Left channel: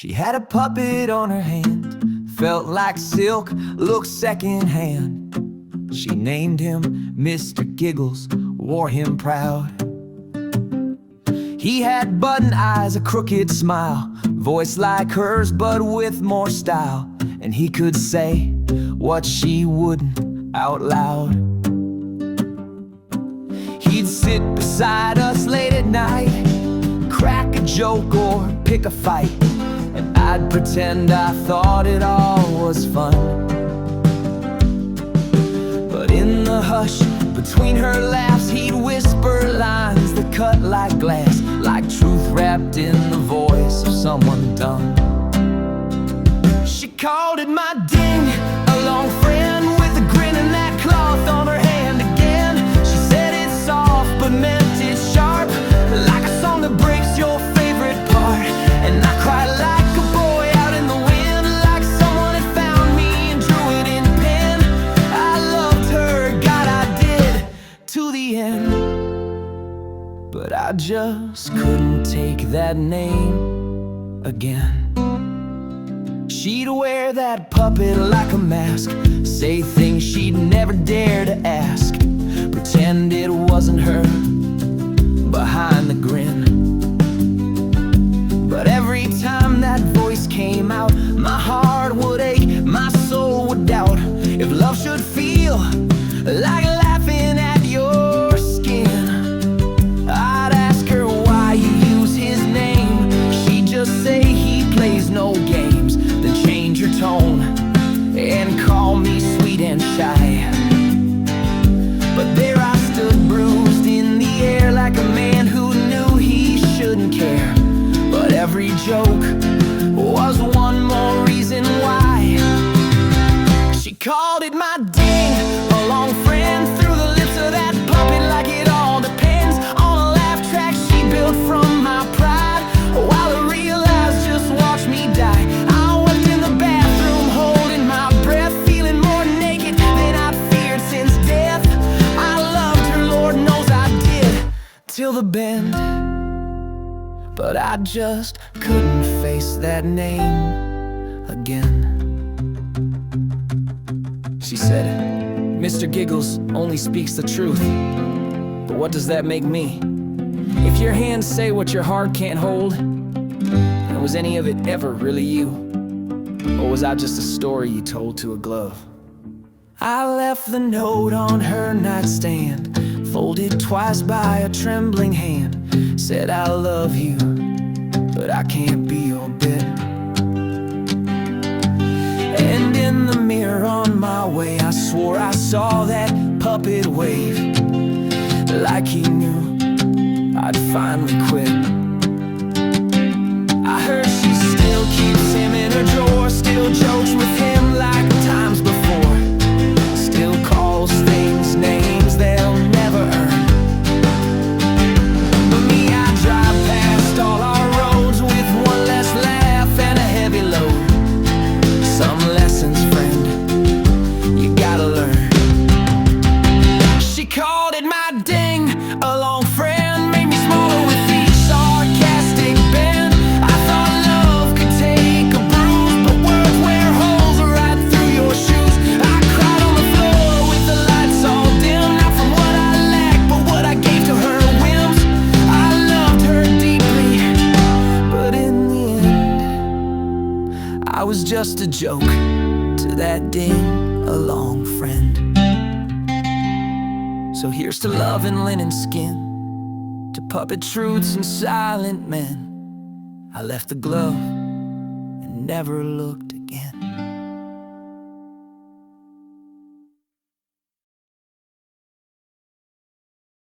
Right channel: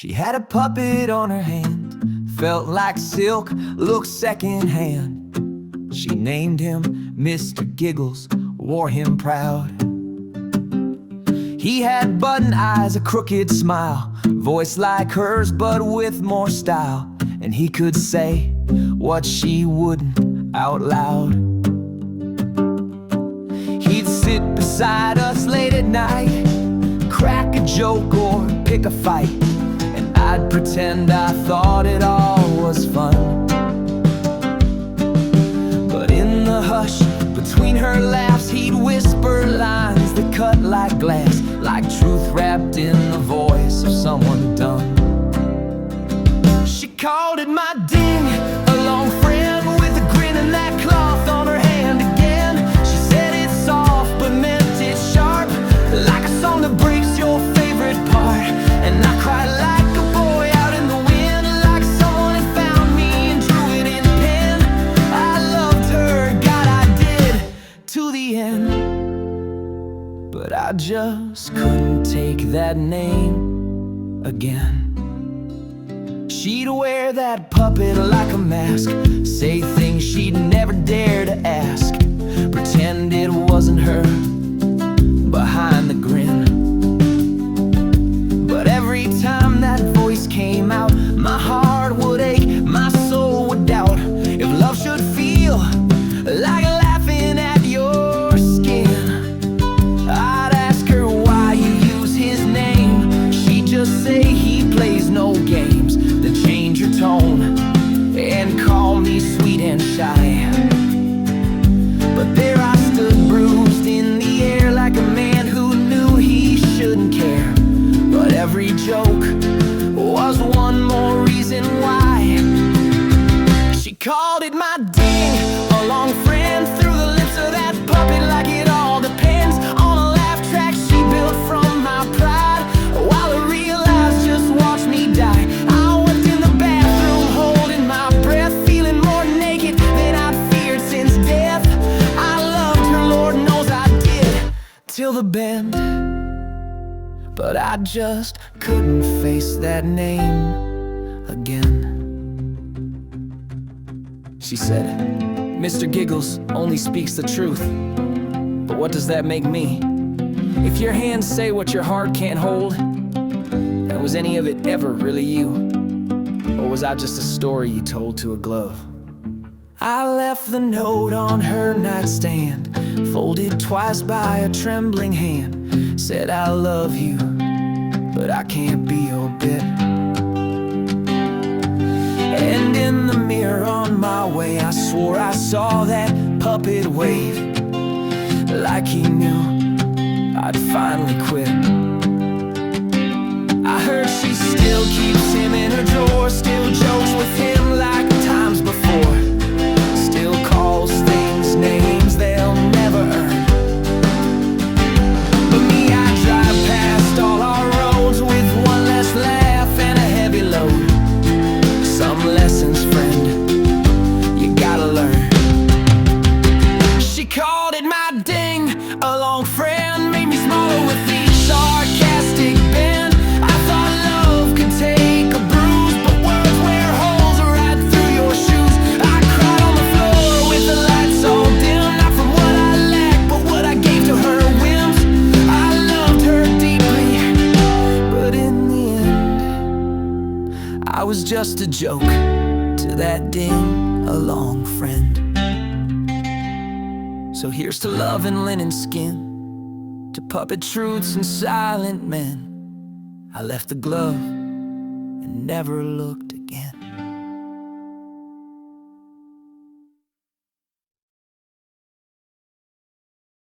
She had a puppet on her hand, felt like silk, looked secondhand. She named him Mr. Giggles, wore him proud. He had button eyes, a crooked smile, voice like hers but with more style. And he could say what she wouldn't out loud. He'd sit beside us late at night, crack a joke or pick a fight, and I'd pretend I thought it all was fun. But in the hush between her laughs, he'd whisper lines that cut like glass, like truth wrapped in the voice of someone dumb. She called it my ding, a long friend with a grin and that cloth on her hand again. She said it's soft but meant it sharp, like a song that breaks your favorite part. And I cried like a boy out in the wind, like someone had found me and drew it in pen. I loved her, God I did, to the end. But I just couldn't take that name again. She'd wear that puppet like a mask, say things she'd never dare to ask, pretend it wasn't her behind the grin. But every time that voice came out, my heart would ache, my soul would doubt. If love should feel like laughing at your skin, I'd ask her why you use his name. She'd just say he plays no games, then change her tone and call me sweet and shy. But there I stood, bruised in the air, like a man who knew he shouldn't care. But every joke was one more reason why. She called it my ding, a long friend, through the lips of that puppet, like it all depends on a laugh track she built from my pride. While I realized just watch me die, I wept in the bathroom, holding my breath, feeling more naked than I'd feared since death. I loved her, Lord knows I did, till the bend. But I just couldn't face that name again. She said, Mr. Giggles only speaks the truth. But what does that make me? If your hands say what your heart can't hold, then was any of it ever really you? Or was I just a story you told to a glove? I left the note on her nightstand, folded twice by a trembling hand. Said I love you, but I can't be your bit. And in the mirror on my way, I swore I saw that puppet wave, like he knew I'd finally quit. I heard she still keeps him in her drawer, still jokes with him like times before, still calls things names they'll never earn. But me, I drive past all our roads with one less laugh and a heavy load. Some lessons, friend, you gotta learn. She called it my ding, a long friend, made me smaller with each sarcastic bend. I thought love could take a bruise, but words wear holes right through your shoes. I cried on the floor with the lights all dim, not from what I lacked, but what I gave to her whims. I loved her deeply, but in the end, I was just a joke to that ding, a long friend. So here's to love and linen skin, to puppet truths and silent men. I left the glove and never looked again.